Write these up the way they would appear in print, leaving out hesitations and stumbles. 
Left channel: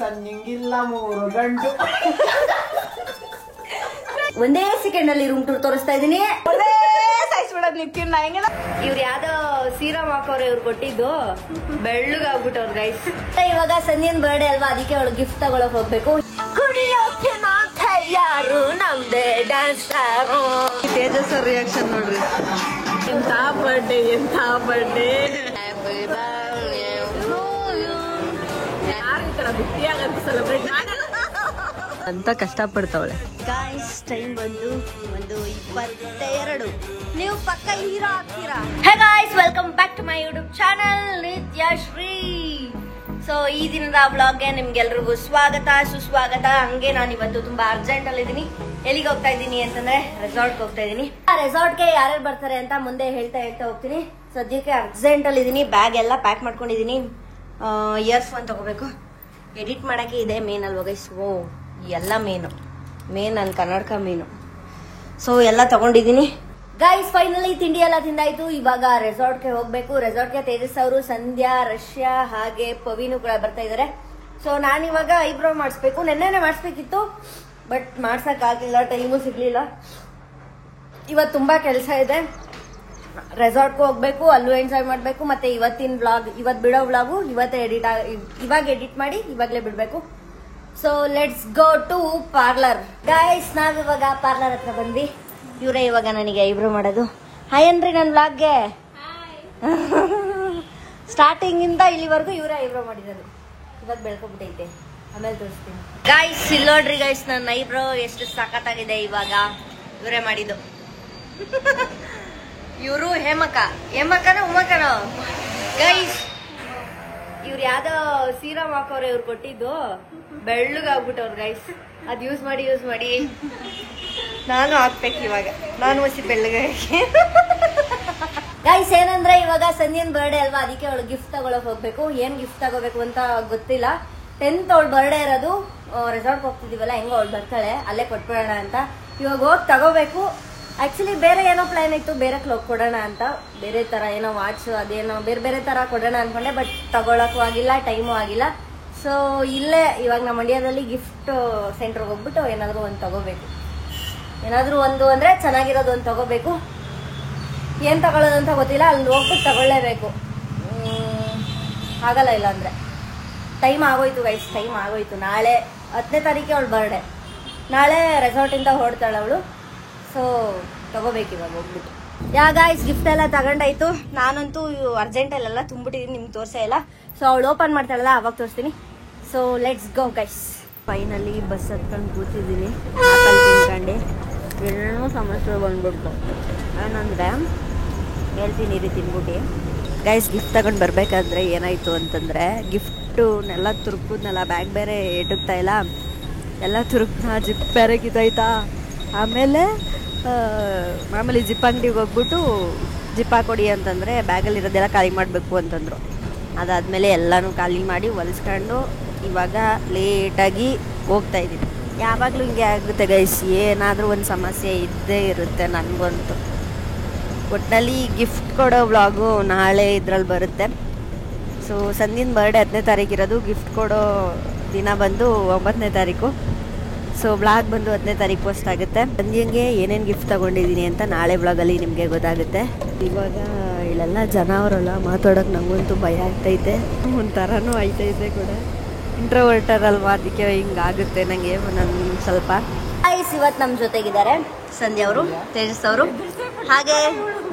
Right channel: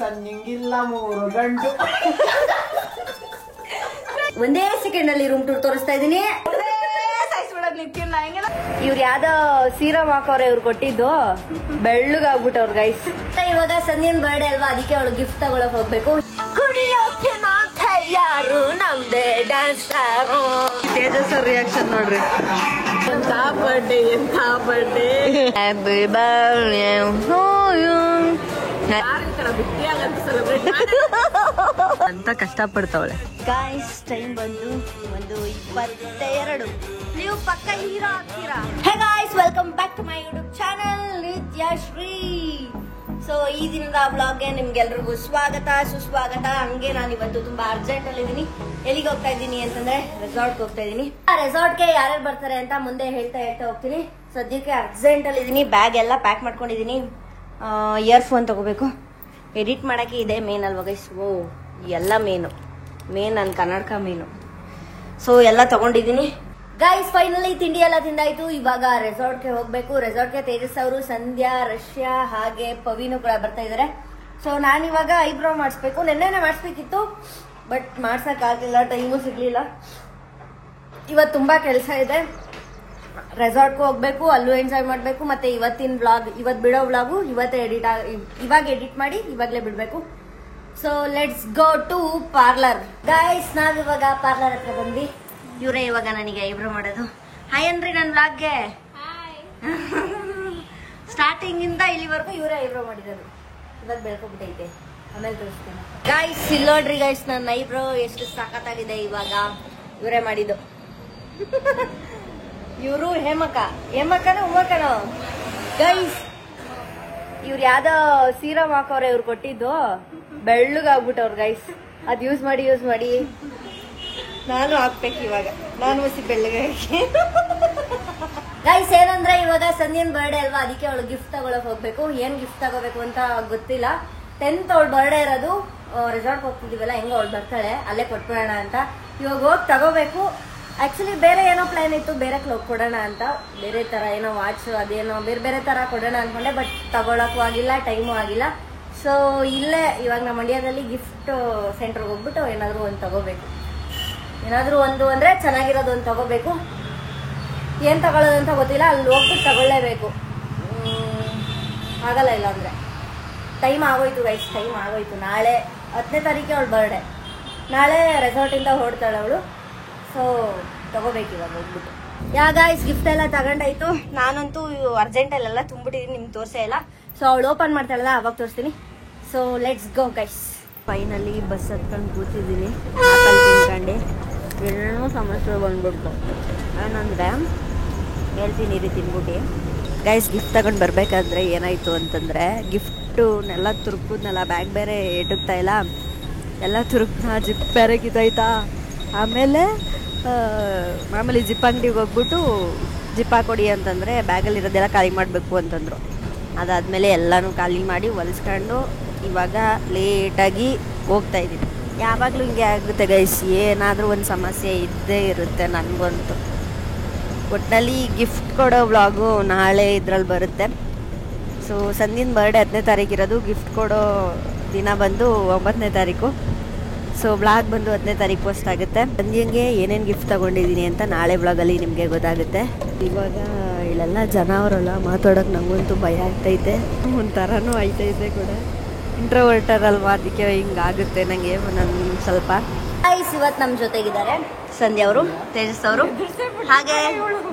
ಸಂಜಿಂಗಿಲ್ಲ 3 ಗಂಟು ಒಂದೇ ಸೆಕೆಂಡ್ ಅಲ್ಲಿ ರೂಮ್ ಟೂರ್ ತೋರಿಸ್ತಾ ಇದೀನಿ. ಇವ್ರು ಯಾವ್ದೋ ಸೀರಮ್ ಹಾಕೋರೆ ಇವ್ರು ಕೊಟ್ಟಿದ್ದು, ಬೆಳ್ಳಗಾಗ್ಬಿಟ್ಟವ್ರು ಗೈಸ್. ಇವಾಗ ಸಂಧ್ಯನ್ ಬರ್ಡೇ ಅಲ್ವಾ, ಅದಕ್ಕೆ ಅವಳು ಗಿಫ್ಟ್ ತಗೊಳಕ್ ಹೋಗ್ಬೇಕು. ಕುಡಿಯೋಕೆ ಯಾರು ನಮ್ದೇ ಡ್ಯಾನ್ಸ್ ತೇಜಸ್ ಅವ್ರ ರಿಯಾಕ್ಷನ್ ನೋಡ್ರಿ. ಎಂತ ಬರ್ಡೇ ಎಂತ ಬರ್ಡೇ ಬಿಟ್ಟಿಯಾಗಂತ ಸೆಲೆಬ್ರೇಟ್ ಅಂತ ಕಷ್ಟ ಪಡ್ತಾವಳೆ. ಗಾಯ್ಸ್ ಟೈಮ್ ಬಂದು 1:22. ನೀವು ಪಕ್ಕ ಹೀರೋ ಆಗ್ತೀರಾ. Hey guys, welcome back to my YouTube channel Nithyashree. So ಈ ದಿನದ ವ್ಲಾಗ್ಗೆ ನಿಮ್ಗೆಲ್ರಿಗೂ ಸ್ವಾಗತ ಸುಸ್ವಾಗತ. ಹಂಗೆ ನಾನು ಇವತ್ತು ತುಂಬಾ ಅರ್ಜೆಂಟ್ ಅಲ್ಲಿ ಇದೀನಿ. ಎಲ್ಲಿಗೆ ಹೋಗ್ತಾ ಇದ್ದೀನಿ ಅಂತಂದ್ರೆ ರೆಸಾರ್ಟ್ಗೆ ಹೋಗ್ತಾ ಇದೀನಿ. ರೆಸಾರ್ಟ್ಗೆ ಯಾರ್ಯಾರು ಬರ್ತಾರೆ ಅಂತ ಮುಂದೆ ಹೇಳ್ತಾ ಹೋಗ್ತೀನಿ. ಸದ್ಯಕ್ಕೆ ಅರ್ಜೆಂಟ್ ಅಲ್ಲಿ ಇದೀನಿ. ಬ್ಯಾಗ್ ಎಲ್ಲ ಪ್ಯಾಕ್ ಮಾಡ್ಕೊಂಡಿದೀನಿ. ಇಯರ್ಸ್ ಫೋನ್ ತಗೋಬೇಕು. ಎಡಿಟ್ ಮಾಡಕ್ಕೆ ಇದೆ ಮೇನ್ ಅಲ್ವಾ ಗೈಸ್. ಓ ಎಲ್ಲ ಮೇನ್ ನನ್ನ ಕನ್ನಡಕ ಮೇನು. ಸೊ ಎಲ್ಲ ತಗೊಂಡಿದ್ದೀನಿ ಗೈಸ್. ಫೈನಲಿ ತಿಂಡಿ ಎಲ್ಲ ತಿಂದಾಯ್ತು. ಇವಾಗ ರೆಸಾರ್ಟ್ಗೆ ಹೋಗ್ಬೇಕು. ರೆಸಾರ್ಟ್ಗೆ ತೇಜಸ್ ಅವರು, ಸಂಧ್ಯಾ, ರಷ್ಯಾ ಹಾಗೆ ಪವಿನು ಕೂಡ ಬರ್ತಾ ಇದಾರೆ. ಸೊ ನಾನಿವಾಗ ಐಬ್ರೋ ಮಾಡಿಸ್ಬೇಕು. ನೆನ್ನೆನೆ ಮಾಡಿಸ್ಬೇಕಿತ್ತು, ಬಟ್ ಮಾಡ್ಸಕ್ ಆಗ್ಲಿಲ್ಲ, ಟೈಮು ಸಿಗ್ಲಿಲ್ಲ. ಇವತ್ತು ತುಂಬಾ ಕೆಲಸ ಇದೆ. ರೆಸಾರ್ಟ್ಗೂ ಹೋಗ್ಬೇಕು, ಅಲ್ಲೂ ಎಂಜಾಯ್ ಮಾಡ್ಬೇಕು. ಮತ್ತೆ ಇವತ್ತಿನ ವ್ಲಾಗ್, ಇವತ್ತು ಬಿಡೋ ವ್ಲಾಗು ಇವತ್ತೇ ಇವಾಗ ಎಡಿಟ್ ಮಾಡಿ ಇವಾಗ್ಲೇ ಬಿಡ್ಬೇಕು. So let's go to parlour guys. ನಾವಿವಾಗ ಪಾರ್ಲರ್ ಹತ್ರ ಬಂದ್ವಿ. ಇವರೇ ಇವಾಗ ನನಗೆ ಐಬ್ರೋ ಮಾಡೋದು. ಹಾಯ್ ಅನ್ರಿ ನನ್ನ ವ್ಲಾಗ್ಗೆ. ಸ್ಟಾರ್ಟಿಂಗ್ ಇಂದ ಇಲ್ಲಿವರೆಗೂ ಇವರೇ ಐಬ್ರೋ ಮಾಡಿರೋದು. ಇವಾಗ ಬೆಳ್ಕೊಬಿಟ್ಟೈತೆ, ಆಮೇಲೆ ತೋರಿಸ್ತೀನಿ ಗೈಸ್. ಇಲ್ಲಿ ನೋಡ್ರಿ ಗೈಸ್, ನನ್ನ ಐಬ್ರೋ ಎಷ್ಟು ಸಖತ್ತಾಗಿದೆ. ಇವಾಗ ಇವರೇ ಮಾಡಿದ್ದು. ಇವರು ಹೇಮಕ್ಕನ ಉಮ್ಮಕ್ಕನ ಗೈಸ್. ಇವ್ರು ಯಾವ್ದೋ ಸೀರಮ್ ಹಾಕೋರೆ ಇವ್ರು ಕೊಟ್ಟಿದ್ದು, ಬೆಳ್ಳಗಾಗ್ಬಿಟ್ಟವ್ರು ಗೈಸ್. ಅದ್ ಯೂಸ್ ಮಾಡಿ ನಾನು ಹಾಕ್ಬೇಕು. ಇವಾಗ ನಾನು ಹೊಸಿ ಬೆಳ್ಳಗಾಗಿ ಗೈಸ್. ಏನಂದ್ರೆ ಇವಾಗ ಸಂಧ್ಯನ್ ಬರ್ಡೇ ಅಲ್ವಾ, ಅದಕ್ಕೆ ಅವಳು ಗಿಫ್ಟ್ ತಗೊಳಕ್ ಹೋಗ್ಬೇಕು. ಏನ್ ಗಿಫ್ಟ್ ತಗೋಬೇಕು ಅಂತ ಗೊತ್ತಿಲ್ಲ. 10th ಅವಳು ಬರ್ಡೇ ಇರೋದು. ರೆಸಾರ್ಟ್ ಹೋಗ್ತಿದೀವಲ್ಲ, ಹೆಂಗ ಅವಳು ಬರ್ತಾಳೆ, ಅಲ್ಲೇ ಕೊಟ್ಬಿಡೋಣ ಅಂತ. ಇವಾಗ ಹೋಗಿ ತಗೋಬೇಕು. ಆಕ್ಚುಲಿ ಬೇರೆ ಏನೋ ಪ್ಲಾನ್ ಇತ್ತು, ಬೇರೆ ಕ್ಲೋಕ್ ಕೊಡೋಣ ಅಂತ. ಬೇರೆ ತರ ಏನೋ ವಾಚ್ ಅದೇನೋ ಬೇರೆ ತರ ಕೊಡೋಣ ಅನ್ಕೊಂಡೆ, ಬಟ್ ತಗೊಳಕ್ಕೂ ಆಗಿಲ್ಲ, ಟೈಮು ಆಗಿಲ್ಲ. ಸೊ ಇಲ್ಲೇ ಇವಾಗ ನಮ್ಮ ಮಂಡ್ಯದಲ್ಲಿ ಗಿಫ್ಟ್ ಸೆಂಟರ್ಗೆ ಹೋಗ್ಬಿಟ್ಟು ಏನಾದ್ರು ಒಂದು ತಗೋಬೇಕು. ಏನಾದ್ರು ಒಂದು ಅಂದ್ರೆ ಚೆನ್ನಾಗಿರೋದು ಒಂದು ತಗೋಬೇಕು. ಏನ್ ತಗೊಳ್ಳೋದು ಅಂತ ಗೊತ್ತಿಲ್ಲ. ಅಲ್ಲಿ ಹೋಗ್ಬಿಟ್ಟು ತಗೊಳ್ಳೇಬೇಕು. ಆಗಲ್ಲ ಇಲ್ಲ ಅಂದ್ರೆ. ಟೈಮ್ ಆಗೋಯ್ತು ಗೈಸ್, ಟೈಮ್ ಆಗೋಯ್ತು. ನಾಳೆ 10ನೇ ತಾರೀಕೆ ಅವಳು ಬರ್ಡೇ. ನಾಳೆ ರೆಸಾರ್ಟಿಂದ ಹೊರಡ್ತಾಳೆ ಅವಳು. ಸೊ ತಗೋಬೇಕು ಇವಾಗ ಹೋಗ್ಬಿಟ್ಟು. ಗಾಯ್ಸ್ ಗಿಫ್ಟ್ ಎಲ್ಲ ತಗೊಂಡಾಯ್ತು. ನಾನಂತೂ ಅರ್ಜೆಂಟಲ್ಲೆಲ್ಲ ತುಂಬಿಟ್ಟಿದ್ದೀನಿ, ನಿಮ್ಗೆ ತೋರಿಸೇ ಇಲ್ಲ. ಸೊ ಅವಳು ಓಪನ್ ಮಾಡ್ತಾಳಲ್ಲ, ಅವಾಗ ತೋರಿಸ್ತೀನಿ. So let's go guys. Finally bus ಹತ್ಕೊಂಡು ಕೂತಿದ್ದೀನಿ. ಆಪಲ್ ತಿನ್ಕೊಂಡು ಏನೋ ಸಮಸ್ಯೆ ಬಂದ್ಬಿಡ್ತು. ಏನಂದ್ರೆ ಹೇಳ್ತೀನಿ ಇರಿ ತಿನ್ಬಿಟ್ಟು ಗೈಸ್. ಗಿಫ್ಟ್ ತಗೊಂಡು ಬರ್ಬೇಕಾದ್ರೆ ಏನಾಯ್ತು ಅಂತಂದ್ರೆ, ಗಿಫ್ಟುನೆಲ್ಲ ತುರುಕುದ್ನೆಲ್ಲ, ಬ್ಯಾಗ್ ಬೇರೆ ಎಟುಕ್ತಾ ಇಲ್ಲ, ಎಲ್ಲ ತುರುಕ್ನ, ಜಿಪ್ ಬೇರೆ ಕಿತ್ತಾಯ್ತಾ. ಆಮೇಲೆ ಮಾಮೂಲಿ ಜಿಪ್ ಅಂಗಡಿಗೆ ಹೋಗ್ಬಿಟ್ಟು ಜಿಪ್ ಹಾಕೊಡಿ ಅಂತಂದರೆ ಬ್ಯಾಗಲ್ಲಿ ಇರೋದೆಲ್ಲ ಖಾಲಿ ಮಾಡಬೇಕು ಅಂತಂದರು. ಅದಾದಮೇಲೆ ಎಲ್ಲನೂ ಖಾಲಿ ಮಾಡಿ ಹೊಲಿಸ್ಕೊಂಡು ಇವಾಗ ಲೇಟಾಗಿ ಹೋಗ್ತಾ ಇದ್ದೀನಿ. ಯಾವಾಗಲೂ ಹಿಂಗೆ ಆಗುತ್ತೆ ಗೈಸ್, ಏನಾದರೂ ಒಂದು ಸಮಸ್ಯೆ ಇದ್ದೇ ಇರುತ್ತೆ ನನಗಂತೂ. ಒಟ್ಟಿನಲ್ಲಿ ಗಿಫ್ಟ್ ಕೊಡೋ ವ್ಲಾಗು ನಾಳೆ ಇದ್ರಲ್ಲಿ ಬರುತ್ತೆ. ಸೊ ಸಂಧ್ಯನ್ ಬರ್ಡೇ 10ನೇ ತಾರೀಕು ಇರೋದು. ಗಿಫ್ಟ್ ಕೊಡೋ ದಿನ ಬಂದು 9ನೇ ತಾರೀಕು. ಸೊ ವ್ಲಾಗ್ ಬಂದು 10ನೇ ತಾರೀಕು ಪೋಸ್ಟ್ ಆಗುತ್ತೆ. ಸಂಧ್ಯಂಗೆ ಏನೇನು ಗಿಫ್ಟ್ ತಗೊಂಡಿದ್ದೀನಿ ಅಂತ ನಾಳೆ ವ್ಲಾಗಲ್ಲಿ ನಿಮಗೆ ಗೊತ್ತಾಗುತ್ತೆ. ಇವಾಗ ಇಲ್ಲೆಲ್ಲ ಜನ ಅವರೆಲ್ಲ ಮಾತಾಡೋಕೆ ನಂಗಂತೂ ಭಯ ಆಗ್ತೈತೆ, ಒಂಥರನೂ ಆಯ್ತೈತೆ ಕೂಡ. ಇಂಟ್ರೋವರ್ಟರ್ ಅಲ್ವಾ, ಅದಕ್ಕೆ ಹಿಂಗಾಗುತ್ತೆ ನನಗೆ ಒಂದೊಂದು ಸ್ವಲ್ಪ. ಗೈಸ್ ಇವತ್ತು ನಮ್ಮ ಜೊತೆಗಿದ್ದಾರೆ ಸಂಧ್ಯಾ ಅವರು, ತೇಜಸ್ ಅವರು, ಹಾಗೆ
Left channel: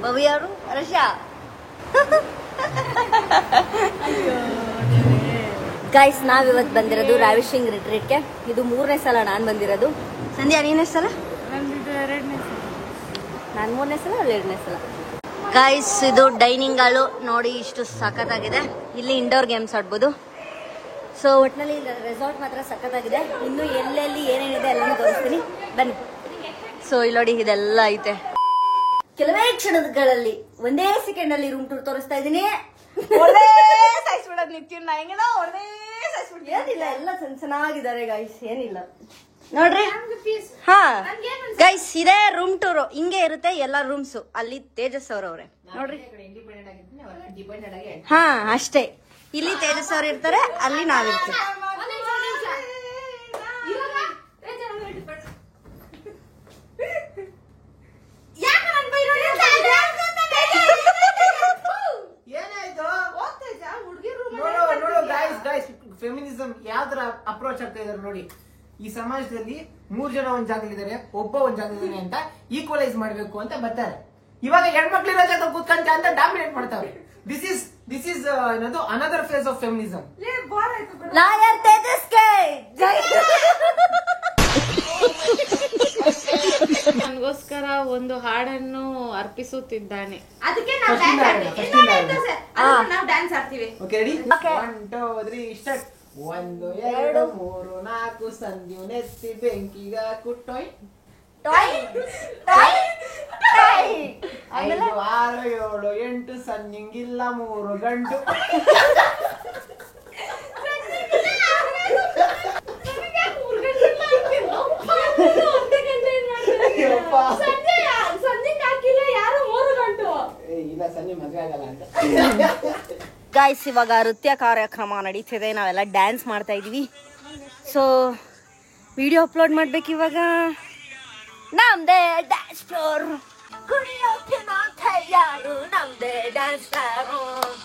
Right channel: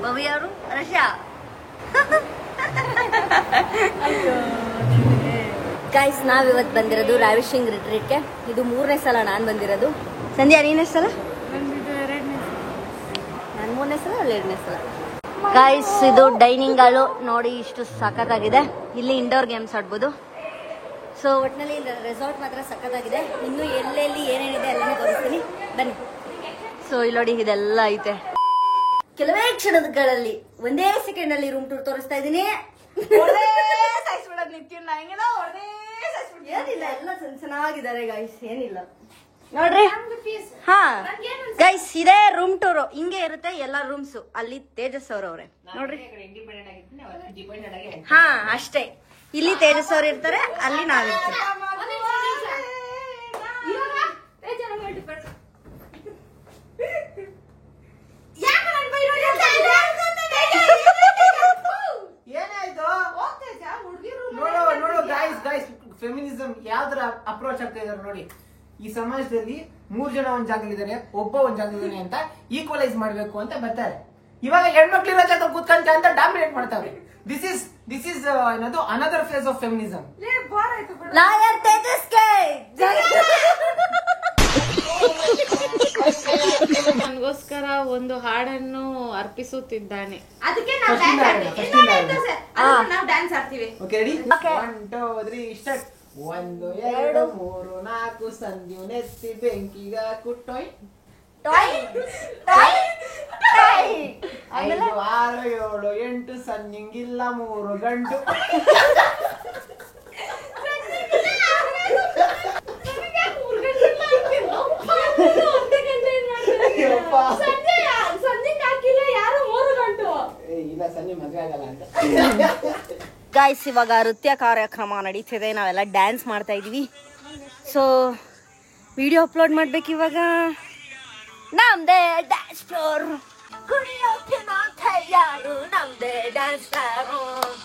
ಭವ್ಯ ಅವರು, ರಷ್ಯಾ. ಗೈಸ್ ನಾವಿವತ್ತು ಬಂದಿರೋದು ರಾವಿಶಿಂಗ್ ರಿಟ್ರೀಟ್ಗೆ. ಇದು 3ನೇ ಸಲ ನಾನು ಬಂದಿರೋದು. ಸಂಧ್ಯಾ ನೀನೇ ಸಲ? ನಾನು 3ನೇ ಸಲ, ಅಲ್ಲಿ 2ನೇ ಸಲ. ಗೈಸ್ ಇದು ಡೈನಿಂಗ್ ಹಾಲು ನೋಡಿ, ಇಷ್ಟು ಸಖತ್ತಾಗಿದೆ. ಇಲ್ಲಿ ಇಂಡೋರ್ ಗೇಮ್ಸ್ ಆಡ್ಬೋದು. ಸೊ ಒಟ್ಟಿನಲ್ಲಿ ರೆಸಾರ್ಟ್ ಮಾತ್ರ ಸಖತ್ತಾಗಿದೆ. ಇನ್ನು ಎಲ್ಲೆಲ್ಲಿ ಏನೇನಿದೆ ಎಲ್ಲನೂ ತೋರಿಸ್ತೀನಿ, ಬನ್ನಿ. ಸೊ ಇಲ್ಲಿ ನೋಡಿ ಇದೆಲ್ಲ ಐತೆ. ಕೆಲವೇ ಕ್ಷಣಗಳಲ್ಲಿ ಒಂದೇ ಸೆಕೆಂಡ್ ಅಲ್ಲಿ ರೂಮ್ ಟೂರ್ ತೋರಿಸ್ತಾ ಇದೀನಿ. ಏನಿಲ್ಲ, ಎಲ್ಲ ಚೆನ್ನಾಗಿದ್ದಾರೆ ಗೈಸ್, ಏನಿಲ್ಲ ನೋಡ್ರಿ. ಹಾ ಗೈಸ್ ಇದೇ ರೂಮ್ ಟೂರ್. ಹಿಂಗೆ ಇರುತ್ತೆ ಎಲ್ಲ ರೂಮ್ಸ್. ಅಲ್ಲಿ ತೇಜಸ್ ಅವ್ರವ್ರೆ ನೋಡ್ರಿ. ಹಾ ಅಷ್ಟೇ, ಇಲ್ಲಿ ತೇಜಸ್ ಅವ್ರು ಇರ್ತಾರೆ, ಅಲ್ಲಿ ನಾವಿರ್ತೀವಿ. ಫೆಮಿನಿಸಂ ಯಾವ ತರ ಅಪ್ರೋಚ್ ಆಗ್ತಾ ಇದಾರೆ ನೋಡಿ. ಈ ಸಮಾಜದಲ್ಲಿ 3 ಜನ ಒಂದ್ ಜಾಗದಲ್ಲಿದ್ದಾರೆ, ಒಬ್ಬ ಒಂದ್ ಜಾಗದಲ್ಲಿ ಅಂತ ಈಕ್ವಲೈಸ್ ಮಾಡ್ಬೇಕು ಅಂತ ಬರ್ತಾರೆ. ಇವಾಗ ಹೆಣ್ಮಕ್ಳಿರೋ ಜಾಗ ಕೂತ್ಕೊಂತ ಅಂತ ಡಾಮಿನೇಟ್ ಮಾಡ್ತಾವ್ರೆ. ದಿಸ್ ಇಸ್ ಏನದು another face of feminism. Lawyer ತೇಜಸ್ಗೆ ನನಗೋಸ್ಕರ ಒಂದು ಹಾಡನ್ನು ಅರ್ಪಿಸುತ್ತಿದ್ದಾನೆ. ಅದಕ್ಕೆ ನಾವು ಡ್ಯಾನ್ಸ್ ಆಡ್ತೀವಿ. Okay ready? 1 2 3 ಸ್ಟಾರ್ಟ್. 1 2 3 4 ಸಂಧ್ಯು ನೆತ್ತಿ ಬೆಂಕಿಗ ಕುಟ್ಟೋಯ್ 5 6 7 8 ಸಂದಿಂಗಿಲ್ಲ 3 ಗಂಟು. ಇಲ್ಲ ಸಂಜೆ ಮದ್ವೆ ಆಗಲ್ಲ ಅಂತ. ಗೈಸ್ ಇವಾಗ ನೃತ್ಯ ಕಾರ್ಯಕ್ರಮ ನಡೀತಿದೆ, ನಾವೆಲ್ಲ ಡ್ಯಾನ್ಸ್ ಮಾಡ್ತಾ ಇದೀವಿ. ಸೊ ವಿಡಿಯೋ ಅಪ್ಲೋಡ್ ಮಾಡ್ಬೇಕು ಇವಾಗ. ನಮ್ದೇ ಡ್ಯಾನ್ಸ್ ಫ್ಲೋರ್, ಕುಣಿಯೋಕೆ ನಾವು ತಯಾರು, ನಮ್ದೇ ಡ್ಯಾನ್ಸ್ ಫ್ಲೋರ್.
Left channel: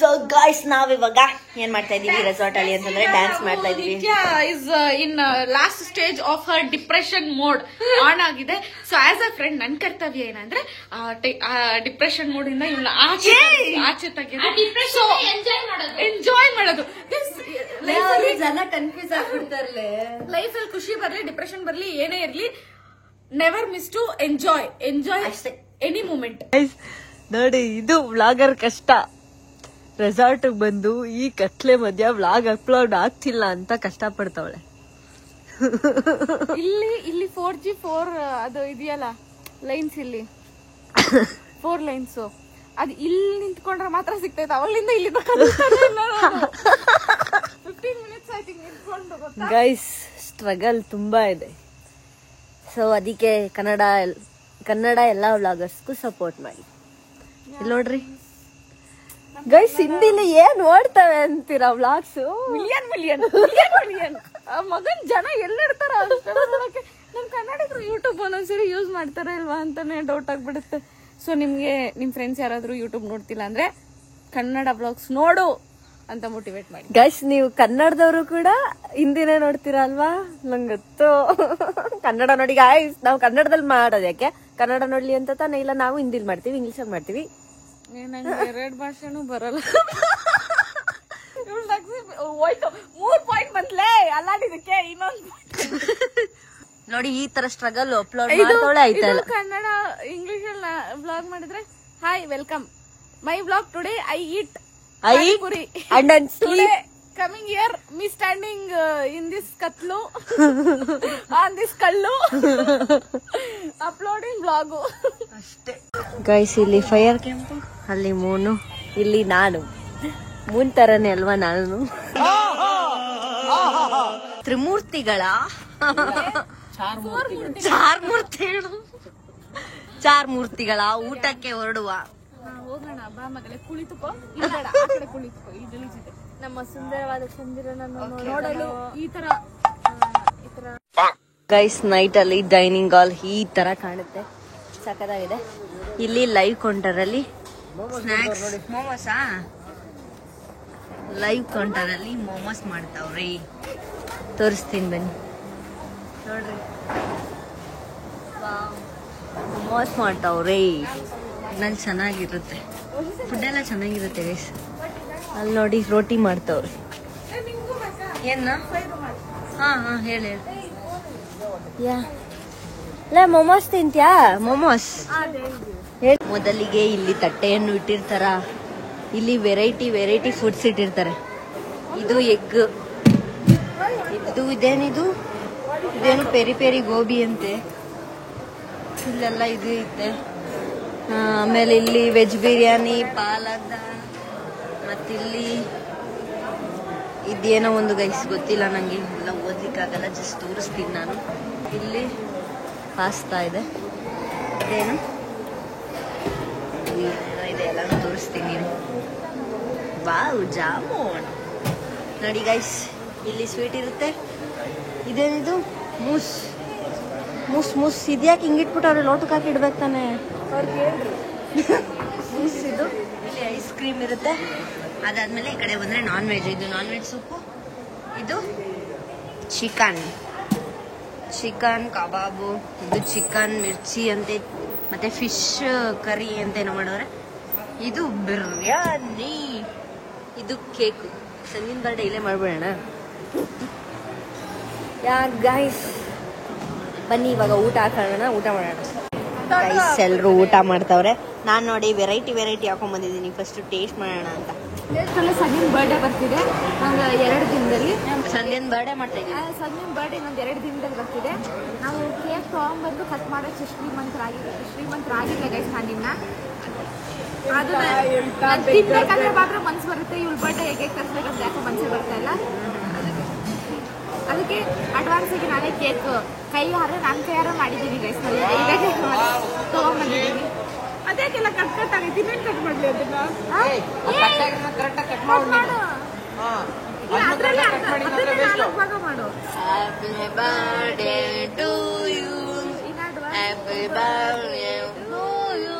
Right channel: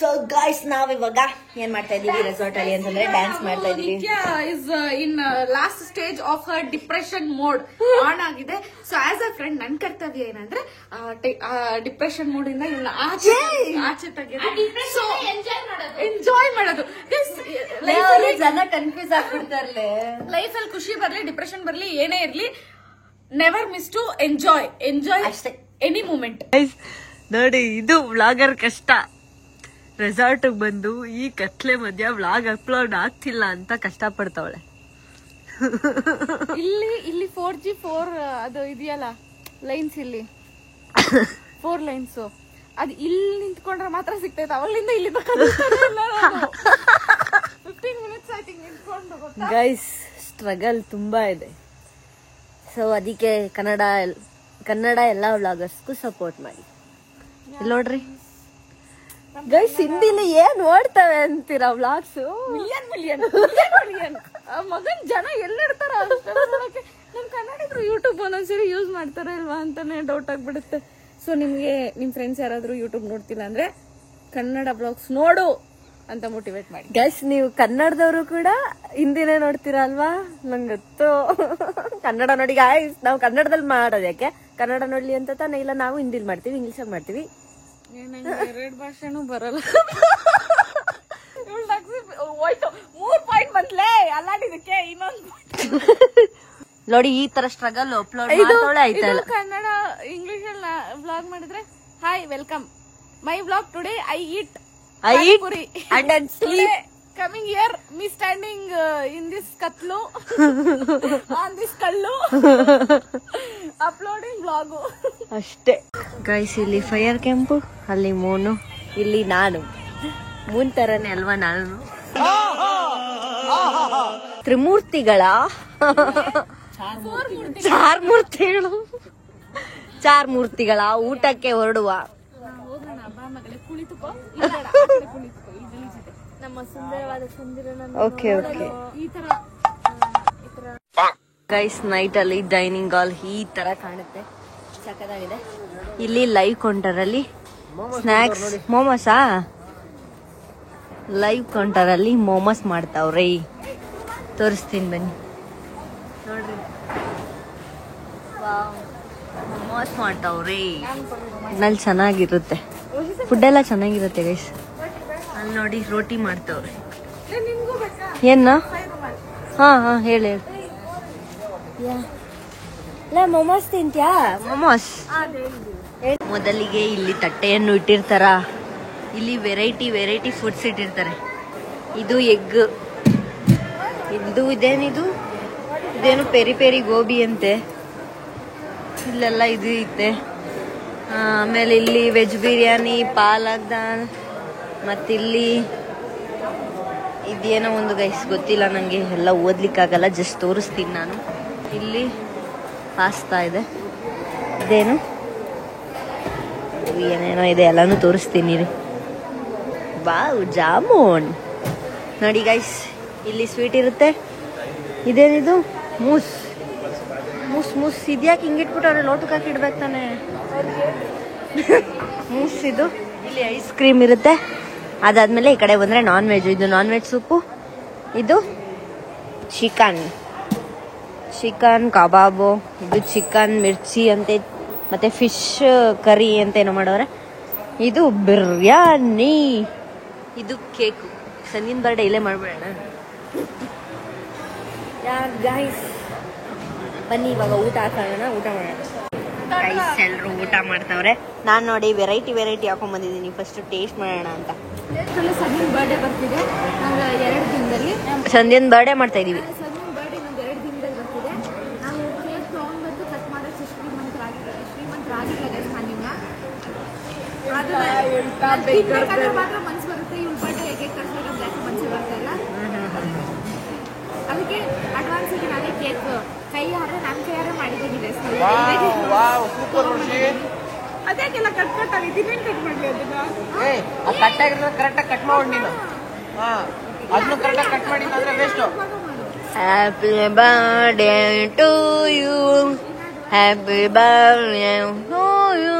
ಸೊ ಗಾಯ್ಸ್ ನಾವಿವಾಗ ಏನ್ ಮಾಡ್ತಾ ಇದೀವಿ ರೆಸಾರ್ಟ್ ಅಲ್ಲಿ ಅಂತಂದ್ರೆ ಡ್ಯಾನ್ಸ್ ಮಾಡ್ತಾ ಇದೀವಿ. Is in last stage of her depression mode on ಆಗಿದೆ. ಸೊ ಆಸ್ ಅ ಫ್ರೆಂಡ್ ನನ್ ಕರ್ತವ್ಯ ಏನಂದ್ರೆ ಡಿಪ್ರೆಷನ್ ಮೋಡ್ ಇಂದ ಇವಳನ್ನ ಆಚೆ ತೆಗೆಯೋದು, ಎಂಜಾಯ್ ಮಾಡೋದು. ಜನ ಕನ್ಫ್ಯೂಸ್ ಆಗ್ಬಿಡ್ತಾರಲ್ಲ. ಲೈಫ್ ಅಲ್ಲಿ ಖುಷಿ ಬರ್ಲಿ, ಡಿಪ್ರೆಷನ್ ಬರ್ಲಿ, ಏನೇ ಇರ್ಲಿ, never miss to enjoy any moment. ನೋಡಿ ಇದು ವ್ಲಾಗರ್ ಕಷ್ಟ. ರೆಸಾರ್ಟ್ ಬಂದು ಈ ಕತ್ಲೆ ಮಧ್ಯ ವ್ಲಾಗ್ ಅಪ್ಲೋಡ್ ಆಗ್ತಿಲ್ಲ ಅಂತ ಕಷ್ಟ ಪಡ್ತಾವಳೆ. ಇಲ್ಲಿ 4G ಅದು ಇದೆಯಲ್ಲ ಲೈನ್ಸ್, ಇಲ್ಲಿ 4 ಲೈನ್ಸ್, ಅದು ಇಲ್ಲಿ ನಿಂತ್ಕೊಂಡ್ರೆ ಮಾತ್ರ ಸಿಗ್ತೈತೆ. ಅವಳಿಂದ ಇಲ್ಲಿ 15 ಮಿನಿಟ್ಸ್ ಐ ಥಿಂಕ್ ನಿಂತ್ಕೊಂಡು. ಗೈಸ್ ಸ್ಟ್ರಗಲ್ ತುಂಬಾ ಇದೆ. ಸೊ ಅದಕ್ಕೆ ಕನ್ನಡ ಎಲ್ಲ ವ್ಲಾಗರ್ಸ್ಗೂ ಸಪೋರ್ಟ್ ಮಾಡಿ. ಇಲ್ಲಿ ನೋಡ್ರಿ ಗೈಸ್, ಹಿಂದಿಲಿ ಏನ್ ನೋಡ್ತವೆ ಅಂತೀರಾ ವ್ಲಾಗ್ಸ್? ಮಿಲಿಯನ್ ಮಗನ್ ಜನ ಎಲ್ಲಿರ್ತಾರ ನೋಡಕ್ಕೆ. ನಮ್ ಕನ್ನಡಿಗರು ಯೂಟ್ಯೂಬ್ ಒಂದೊಂದ್ಸರಿ ಯೂಸ್ ಮಾಡ್ತಾರ ಇಲ್ವಾ ಅಂತಾನೆ ಡೌಟ್ ಆಗ್ಬಿಡುತ್ತೆ. ಸೊ ನಿಮ್ಗೆ ನಿಮ್ ಫ್ರೆಂಡ್ಸ್ ಯಾರಾದ್ರೂ ಯೂಟ್ಯೂಬ್ ನೋಡ್ತಿಲ್ಲ ಅಂದ್ರೆ ಕನ್ನಡ ಬ್ಲಾಗ್ಸ್ ನೋಡು ಅಂತ ಮೋಟಿವೇಟ್ ಮಾಡಿ. ಗೈಸ್ ನೀವು ಕನ್ನಡದವರು ಕೂಡ ಹಿಂದಿನೇ ನೋಡ್ತೀರಾ ಅಲ್ವಾ? ನಂಗೆ ಗೊತ್ತು. ಕನ್ನಡ ನೋಡಿ ಗಾಯ್ಸ್, ನಾವು ಕನ್ನಡದಲ್ಲಿ ಮಾಡೋದು ಯಾಕೆ? ಕನ್ನಡ ನೋಡ್ಲಿ ಅಂತ ತಾನೇ. ಇಲ್ಲ ನಾವು ಹಿಂದಿಲಿ ಮಾಡ್ತೀವಿ, ಇಂಗ್ಲಿಷ್ ಮಾಡ್ತೀವಿ. ನಂಗೆ 2 ಭಾಷೆನೂ ಬರಲ್ಲ. 3 ಪಾಯಿಂಟ್ ಬಂದ್ಲೇ ಅಲ್ಲಾಡಿದಕ್ಕೆ. ಇನ್ನೊಂದು ನೋಡಿ ಈ ತರ ಸ್ಟ್ರಗಲ್ ಅಪ್ಲೋಡ್ ಮಾಡ್ತಾಳೆ ಆಯ್ತಲ್ಲ. ಕನ್ನಡ ಇಂಗ್ಲಿಷ್ ಅಲ್ಲಿ ವ್ಲಾಗ್ ಮಾಡಿದ್ರೆ, hi welcome my vlog today I eat Puri and then sleep. Coming here, me standing in this katlu on this kallu uploading vlog. ಅಷ್ಟೇ ಗೈಸ್. ಇಲ್ಲಿ ಫೈರ್ ಕ್ಯಾಂಪು, ಅಲ್ಲಿ ಮೂನು, ಇಲ್ಲಿ ನಾನು. ಮೂನ್ ತರನೇ ಅಲ್ವಾ ನಾನು? ತ್ರಿಮೂರ್ತಿಗಳ ಚಾರ್ ಮೂರ್ತಿಗಳ ಊಟಕ್ಕೆ ಹೊರಡುವ. ಹೋಗೋಣ ಬಾ ಮಗಳೇ, ಕುಳಿತುಕೋ. ಕುಳಿತುಕೋ, ಈ ಗಲೀಜಿದೆ. ನಮ್ಮ ಸುಂದರವಾದ ಚಂದಿರನನ್ನು ನೋಡಲು ಈ ತರ ಗೈಸ್ ನೈಟ್ ಅಲ್ಲಿ ಡೈನಿಂಗ್ ಹಾಲ್ ಈ ತರ ಕಾಣುತ್ತೆ, ಸಖತ್ತಾಗಿದೆ. ಇಲ್ಲಿ ಲೈವ್ ಕೌಂಟರ್ ಅಲ್ಲಿ ಸ್ನಾಕ್ಸ್, ಮೋಮೋಸಾ? ಲೈವ್ ಕೌಂಟರ್ ಅಲ್ಲಿ ಮೋಮೋಸ್ ಮಾಡ್ತಾವ್ರಿ, ತೋರಿಸ್ತೀನಿ ಬನ್ನಿ ನೋಡ್ರಿ. ಮೋಮೋಸ್ ಮಾಡ್ತಾವ್ರಿ, ಇದ್ರಲ್ಲಿ ಚೆನ್ನಾಗಿರುತ್ತೆ, ಫುಡ್ ಎಲ್ಲ ಚೆನ್ನಾಗಿರುತ್ತೆ ಗೈಸ್. ಅಲ್ಲಿ ನೋಡಿ ರೋಟಿ ಮಾಡ್ತಾವ್ರಿ. ಏನ? ಹಾ ಹೇಳಿ. ಮೊಮೋಸ್ ತಿಂತ್ಯಾ? ಮೊಮೋಸ್ ಮೊದಲಿಗೆ ಇಲ್ಲಿ ತಟ್ಟೆಯನ್ನು ಇಟ್ಟಿರ್ತಾರ. ಇಲ್ಲಿ ವೆರೈಟಿ ಫುಡ್ಸ್ ಇಟ್ಟಿರ್ತಾರೆ. ಇದು ಎಗ್, ಇದು ಇದೇನು ಪೆರಿ ಗೋಬಿ ಅಂತೆ. ಇಲ್ಲೆಲ್ಲ ಇದು ಐತೆ. ಆಮೇಲೆ ಇಲ್ಲಿ ವೆಜ್ ಬಿರಿಯಾನಿ, ಪಾಲಕ್ ದಾಲ್, ಮತ್ತಿಲ್ಲಿ ಇದೇನೋ ಒಂದು ಗೈಸ್ ಗೊತ್ತಿಲ್ಲ ನಂಗೆ, ಎಲ್ಲ ಓದ್ಲಿಕ್ಕಾಗಲ್ಲ, ಜಸ್ಟ್ ತೋರಿಸ್ತೀನಿ ನಾನು. ಇಲ್ಲಿ ಪಾಸ್ತಾ ಇದೆ, ಇದೇನು ಏನೇನೋ ಇದೆ, ಎಲ್ಲಾನು ತೋರಿಸ್ತೀನಿ ರೀ. ವಾವ್, ಜಾಮೂನ್ ನೋಡಿ ಗೈಸ್, ಇಲ್ಲಿ ಸ್ವೀಟ್ ಇರುತ್ತೆ. ಇದೇನಿದು? ಮೂಸ್ ಮೂಸ್ ಮೂಸ್. ಇದ್ಯಾಕೆ ಹಿಂಗಿಟ್ಬಿಟ್ಟು ಅವ್ರೆ ಲೋಟಕ್ಕೆ ಹಾಕಿ ಇಡ್ಬೇಕು ತಾನೆ. ಮೂಸ್ ಇದು. ಇಲ್ಲಿ ಐಸ್ ಕ್ರೀಮ್ ಇರುತ್ತೆ. ಅದಾದ್ಮೇಲೆ ಈ ಕಡೆ ಬಂದ್ರೆ ನಾನ್ ವೆಜ್. ಇದು ನಾನ್ ವೆಜ್ ಸೂಪು. ಇದು ಚಿಕನ್ ಕಬಾಬು. ಇದು ಚಿಕನ್ ಮಿರ್ಚಿ ಅಂತೆ, ಮತ್ತೆ ಫಿಶ್ ಕರಿ ಅಂತ ಏನೋ ಮಾಡೋರೆ. ಇದು ಬಿರಿಯಾನಿ. ಇದು ಕೇಕು. ಸಂಗಿನ ಬರ್ಡೇ ಇಲ್ಲೇ ಮಾಡ್ಬಿಡೋಣ. ಯಾ ಗೈಸ್, ಬನ್ನಿ ಇವಾಗ ಊಟ ಹಾಕೋಣ, ಊಟ ಮಾಡೋಣ. ಗೈಸ್ ಎಲ್ರು ಊಟ ಮಾಡ್ತಾವ್ರೆ. ನಾನ್ ನೋಡಿ ವೆರೈಟಿ ಹಾಕೊಂಡ್ ಬಂದಿದ್ದೀನಿ. ಫಸ್ಟ್ ಟೇಸ್ಟ್ ಮಾಡೋಣ ಅಂತ. ಸಂಧ್ಯನ್ ಬರ್ಡೇ ಬರ್ತಿದೆ ನಂಗೆ 2 ದಿನದಲ್ಲಿ. ಸಂಧ್ಯನ್ ಬರ್ಡೇ ಮಾಡ್ತಾ ಇದೀವಿ. ಸಂಧ್ಯನ್ ಬರ್ಡೇ ನಂಗೆ 2 ದಿನದಲ್ಲಿ ಬರ್ತಿದೆ. ನಾವು ಕೇಕ್ ತಗೊಂಡ್ಬಂದು ಕಟ್ ಮಾಡೋಕ್ಕೆ ಶ್ರೀಮಂತರಾಗಿಲ್ಲ ಗೈಸ್. ನಾನಿನ್ನ ತಿನ್ಬೇಕಂದ್ರೆ ಮಾತ್ರ ಮನ್ಸು ಬರುತ್ತೆ. ಇವಳು ಬರ್ಡೇ ಕೇಕ್ ತರಿಸ್ಬೇಕಂತ ಯಾಕೆ ಮನ್ಸು ಬರ್ತಾ ಇಲ್ಲ. ಅದಕ್ಕೆ ಅಡ್ವಾನ್ಸ್ ಆಗಿ ನಾನೇ ಕೇಕ್ ನನ್ನ ಕೈಯಾರೆ ಮಾಡಿದ್ದೀನಿ ಗೈಸ್. ತಗೊಂಡ್ಬಂದಿದ್ದೀನಿ. ಅದ್ಯಾಕೆಲ್ಲ ಕಟ್ ಆಗಿ ಇನ್ನೇನು ಕಟ್ ಮಾಡ್ಲಿ ಅದನ್ನ? ಭಾಗ ಮಾಡು. Happy birthday to you, happy birthday to you,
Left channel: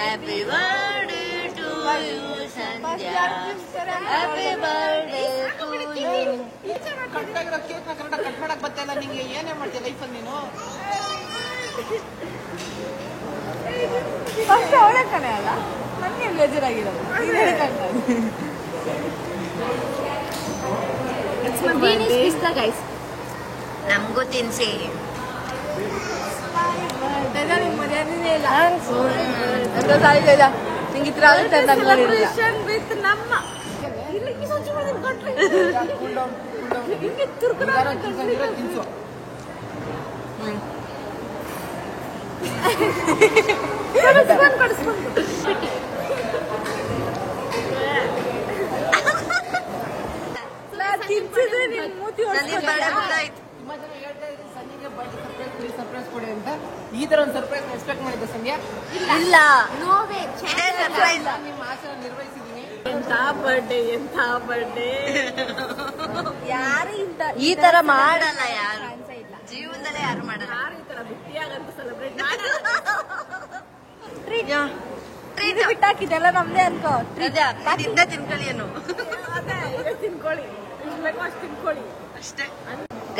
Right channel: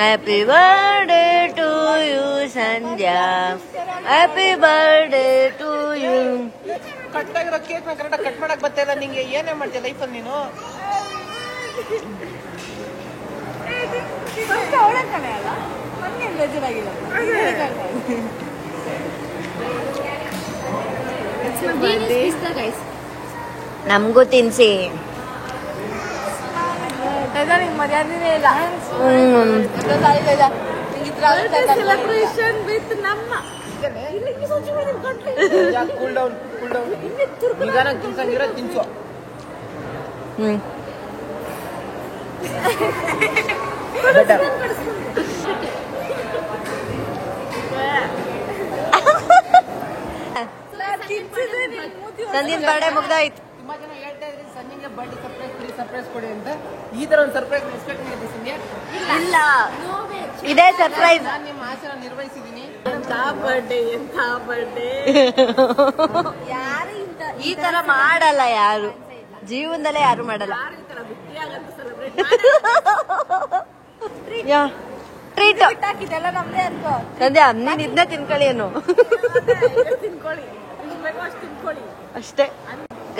happy birthday to you Sandhya, happy birthday to you. Cut ಮಾಡಕ್ ಬರ್ತಿಲ್ಲ ನಿಂಗೆ. ಏನೇ ಮಾಡ್ತೀಯ ಲೈಫಲ್ಲಿ ನೀನು? ನಮಗೂ ತಿನ್ಸಿ. ಸೆಲೆಬ್ರೇಷನ್ ವಿತ್ ನಮ್ಮ ಸಂಧ್ಯನ್ ಬರ್ಡೇ ಮುಗ್ದಾಯ್ತು. ಸರ್ಪ್ರೈಸ್ ಕೊಡಿ ಅಂತ ಈ ತರ ಒಂದು ಸರ್ಪ್ರೈಸ್ ಎಕ್ಸ್ಪೆಕ್ಟ್ ಮಾಡಿದ್ದೆ ಸಂಧ್ಯಾ. ಇಲ್ಲ, ಇದೇ ಸರ್ಪ್ರೈಸ್. ಎಂತ ಬರ್ಡೇ ಈ ತರ ಮಾಡಲ್ಲ ಯಾರು, ಜೀವನದಲ್ಲೇ ಯಾರು ಮಾಡಲ್ಲ. ಈ ತರ ಬಿಟ್ಟಿಯಾಗಂತ ಸೆಲೆಬ್ರೇಟ್ ಟ್ರೀಟ್ ಬಿಟ್ಟಾಕಿದೆಲ್ಲ ನಮ್ದೇ ಅರ್ಥ. ಅದೇ ನೀನ್ ಇದನ್ನ ತಿನ್ಕೊಳ್ಳಿ ಏನು. ತಿನ್ಕೊಳ್ಳಿ, ಎಷ್ಟು ಬೇಕೋ ಅಷ್ಟು ತಿನ್ಕೊಳ್ಳಿ ಅಷ್ಟೇ.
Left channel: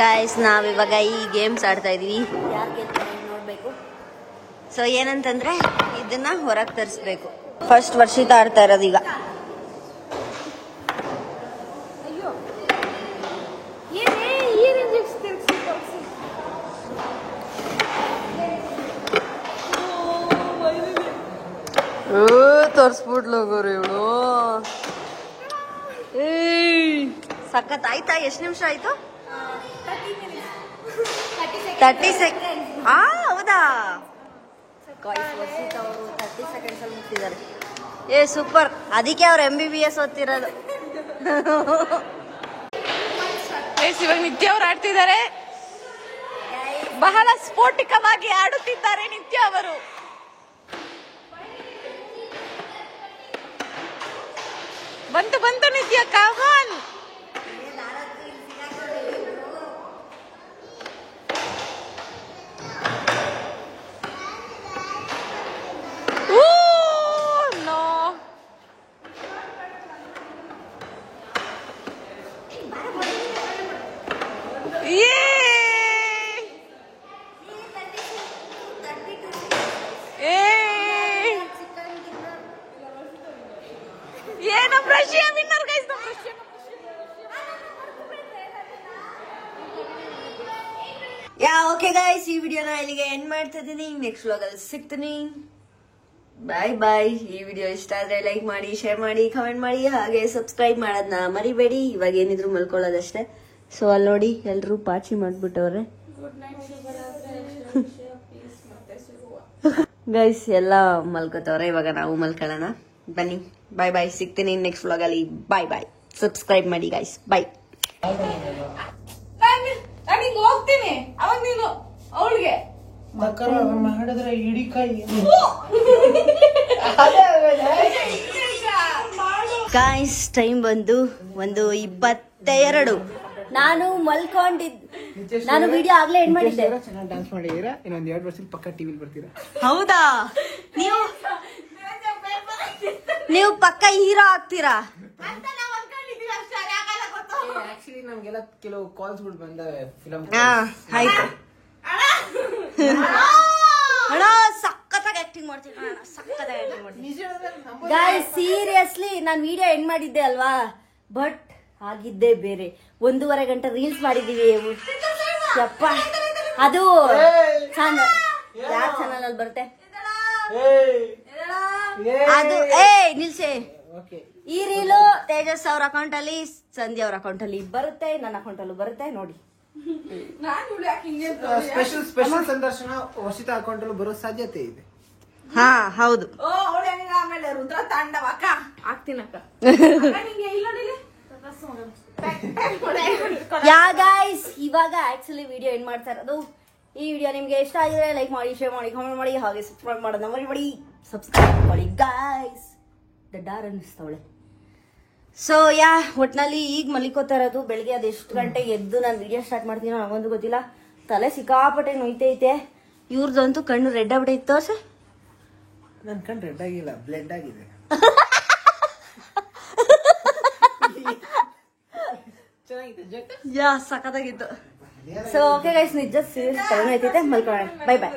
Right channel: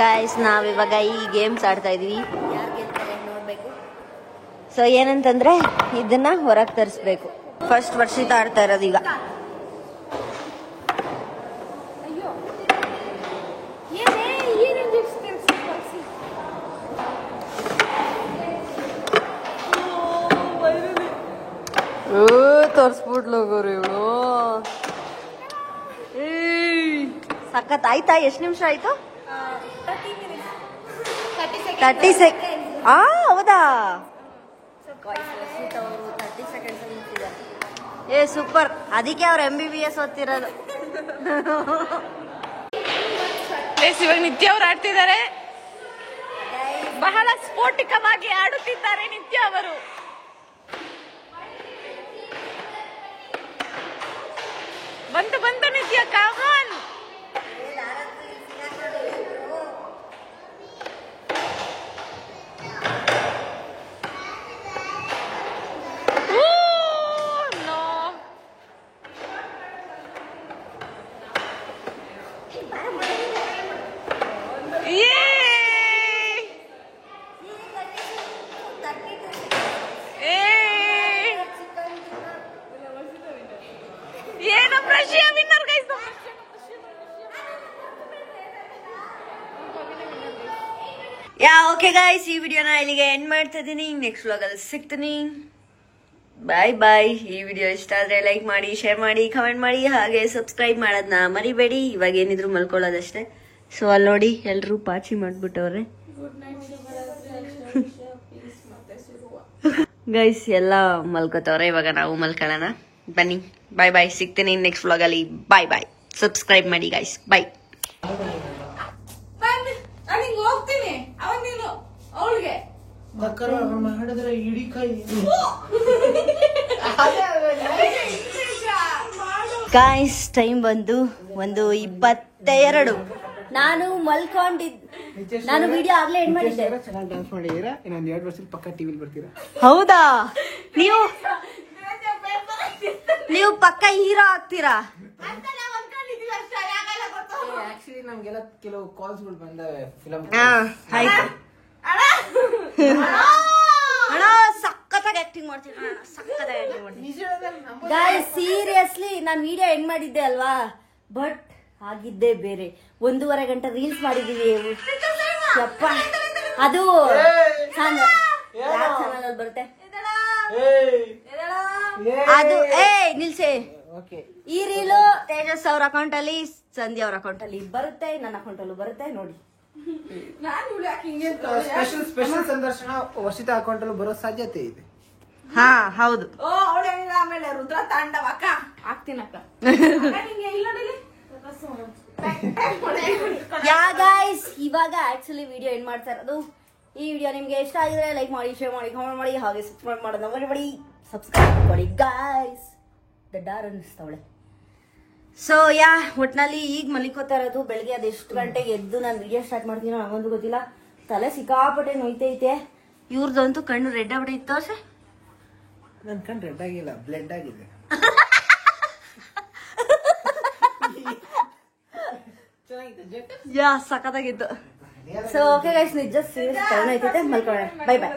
ಗೈಸ್, ನಾವಿವಾಗ ಈ ಗೇಮ್ಸ್ ಆಡ್ತಾ ಇದೀವಿ. ಯಾರು ಗೆಲ್ತಾರೆ ನೋಡ್ಬೇಕು. ಸೊ ಏನಂತಂದ್ರೆ ಇದನ್ನ ಹೊರಗೆ ತರಿಸ್ಬೇಕು. ಫಸ್ಟ್ ವರ್ಷಿತ ಆಡ್ತಾ ಇರೋದು ಈಗ. ತೋರ್ಸ್ಬಿಡ್ಲು ಹೋಗೋರು ಇವಳು. ಸಖತ್ ಆಯ್ತಾ? ಎಷ್ಟು ನಿಮಿಷ ಆಯ್ತು? 30 ಸೆಕೆಂಡ್. ಹೌದಾ? ವರ್ಷಿತ್ ಅವರು 30 ಸೆಕೆಂಡ್ಸ್ ಅಲ್ಲಿ ಮುಗಿಸಿದ್ದಾರೆ. ಸೂಪರ್. ಅದಕ್ಕೆ ಅವ್ರು MBBS ಓದ್ತಿರೋದು. ಇವಾಗ ನಿತ್ಯ ಅವರು ಆಡ್ತಿದ್ದಾರೆ. ಬಹಳ ಸ್ಫೋಟಿಕವಾಗಿ ಆಡುತ್ತಿದ್ದಾರೆ ನಿತ್ಯ ಅವರು. ಬಂತು ನಿತ್ಯ, ಕಾಮನ್. ಓಕೆ ಗೈಸ್, ಈ ವಿಡಿಯೋನ ಇಲ್ಲಿಗೆ ಎಂಡ್ ಮಾಡ್ತಾ ಇದೀನಿ. ನೆಕ್ಸ್ಟ್ ವ್ಲಾಗ್ ಅಲ್ಲಿ ಸಿಗ್ತೀನಿ. ಬಾಯ್. ಈ ವಿಡಿಯೋ ಇಷ್ಟ ಆದ್ರೆ ಲೈಕ್ ಮಾಡಿ, ಶೇರ್ ಮಾಡಿ, ಕಮೆಂಟ್ ಮಾಡಿ, ಹಾಗೆ ಸಬ್ಸ್ಕ್ರೈಬ್ ಮಾಡೋದನ್ನ ಮರಿಬೇಡಿ. ಇವಾಗ ಏನಿದ್ರು ಮಲ್ಕೊಳ್ಳೋದಷ್ಟೇ. ಸೊ ಅಲ್ಲಿ ನೋಡಿ ಎಲ್ರು ಪಾಚಿ ಮಾಡ್ಬಿಟ್ಟವ್ರೆ ಗೈಸ್. ಎಲ್ಲ ಮಲ್ಕೋತವ್ರೆ. ಇವಾಗ ನಾವು ಮಲ್ಕೊಳ್ಳೋಣ. ಬನ್ನಿ, ಬಾಯ್. ಸಿಗ್ತೀನಿ ನೆಕ್ಸ್ಟ್ ವ್ಲಾಗ್ ಅಲ್ಲಿ. ಬಾಯ್. ಸಬ್ಸ್ಕ್ರೈಬ್ ಮಾಡಿ ಗೈಸ್. ಬಾಯ್. ನಾನು ಹೋಗ್ತೀನಿ. ಅವಾಗ ನೀನು ಅವಳಿಗೆ ಮಾಡಿದ್ರೆ ಇಡೀ ಕೈ ಗಾಯ್ಸ್ ಟೈಮ್ ಬಂದು 1:22. ನಾನು ನಾನು ವಿಡಿಯೋ ಆಗ್ಲೇ ಎಂಡ್ ಮಾಡಿದ್ದೆ. ಚೆನ್ನಾಗಿ ಡಾನ್ಸ್ ಮಾಡಿದೀರಾ, ಇನ್ನೊಂದ್ 2 ವರ್ಷದಲ್ಲಿ ಪಕ್ಕ ಟಿವಿಲಿ ಬರ್ತೀರಾ. ಹೌದಾ? ನೀವು ಪಕ್ಕ ಹೀರೋ ಆಗ್ತೀರಾ? ಆಕ್ಚುಲಿ ನಮ್ಗೆಲ್ಲ ಕೆಲವು ಕಾಲ್ಸ್ಗಳು ಬಂದವೆ ಫಿಲಂ. ಆಯ್ತು ಅಣ್ಣ, ಸಖತ್ತಾಗಿ ಆಕ್ಟಿಂಗ್ ಮಾಡ್ತೀನಿ ಅಣ್ಣ, ಸಖತ್ತಾಗಿ ಆಕ್ಟಿಂಗ್ ಮಾಡ್ತೀನಿ. ಗಾಯ್ಸ್ ಸೀರಿಯಸ್ಲಿ ನಾನು ವಿಡಿಯೋ ಎಂಡ್ ಮಾಡಿದ್ದೆ ಅಲ್ವಾ, ಬಟ್ ಆಗಿದ್ದೇ ಬೇರೆ. 1.5 ಗಂಟೆ ರೀಲ್ಸ್ ಮಾಡಿದೀವಿ. ಯಪ್ಪ, ಅದು ಯಾವ ಚಾನಲ್ ಅಲ್ಲಿ ಬರುತ್ತೆ ಅದು? ನಿಲ್ಸೆ. ಈ ರೀಲು ತೇಜಸ್ ಅವ್ರ ಅಕೌಂಟ್ ಅಲ್ಲಿ, ಸಂಧ್ಯಾ ಅವ್ರ ಅಕೌಂಟ್ ಅಲ್ಲಿ ಬರುತ್ತೆ, ನನ್ನ ಅಕೌಂಟ್ ಅಲ್ಲೂ ಬರುತ್ತೆ ನೋಡಿ. ಸ್ಪೆಷಲ್ ಸಂದರ್ಶನ ವರ್ಷಿತ ಅಕೌಂಟ್ ಅಲ್ಲಿ ಬರೋ ಸಾಧ್ಯತೆ ಇದೆ. ಹಾ ಹೌದು. ಆಮೇಲೆ ರುದ್ರ ತಾಂಡವ ಅಕ್ಕ ಆಗ್ತೀನಕ್ಕ. ಯಾ ಗೈಸ್, ಇವಾಗ ಆಕ್ಚುಲಿ ವಿಡಿಯೋ ಎಂಡ್ ಮಾಡ್ತಾ ಇರೋದು. ಈ ವಿಡಿಯೋ ನಿಮ್ಗೆ ಇಷ್ಟ ಆಗಿದ್ರೆ ಲೈಕ್ ಮಾಡಿ, ಶೇರ್ ಮಾಡಿ, ಕಾಮೆಂಟ್ ಮಾಡಿ, ಹಾಗೆ ಸಬ್ಸ್ಕ್ರೈಬ್ ಮಾಡೋದನ್ನ ಮರಿಬೇಡಿ. ಸಬ್ಸ್ಕ್ರೈಬ್ ಮಾಡಿ ಗೈಸ್. ಡಾರ್ ಅನ್ನಿಸ್ತಾವಳೆ. ಸೊ ಒಟ್ನಲ್ಲಿ ಈಗ ಮಲಿಕೋತಾ ಇರೋದು. ಬೆಳಗ್ಗೆ ಅದೆಷ್ಟು ಗಂಟೆಗೆ ಎದ್ದು ನಾನು ವಿಡಿಯೋ ಸ್ಟಾರ್ಟ್ ಮಾಡ್ತೀನೋ ನನಗೊಂದು ಗೊತ್ತಿಲ್ಲ. ತಲೆ ಸಿಕ್ಕಾಪಟ್ಟೆ ನೋಯ್ತೈತೆ. ಇವ್ರದಂತೂ ಕಣ್ಣು ರೆಡ್ ಆಗ್ಬಿಟ್ಟೈತೆ. ತೋರ್ಸ. ನನ್ ಕಣ್ಣು ರೆಡ್ ಆಗಿಲ್ಲ, ಬ್ಲೆಡ್ ಆಗಿದೆ. ಸಖತ್ತಾಗಿತ್ತು. ಸೊ ಓಕೆ ಗೈಸ್, ನಿಜ ಸೀರಿಯಸ್ ತಲೆನೋಯ್ತೈತೆ. ಮಲ್ಕೊಳ್ಳೋಣ. ಬೈ ಬಾಯ್.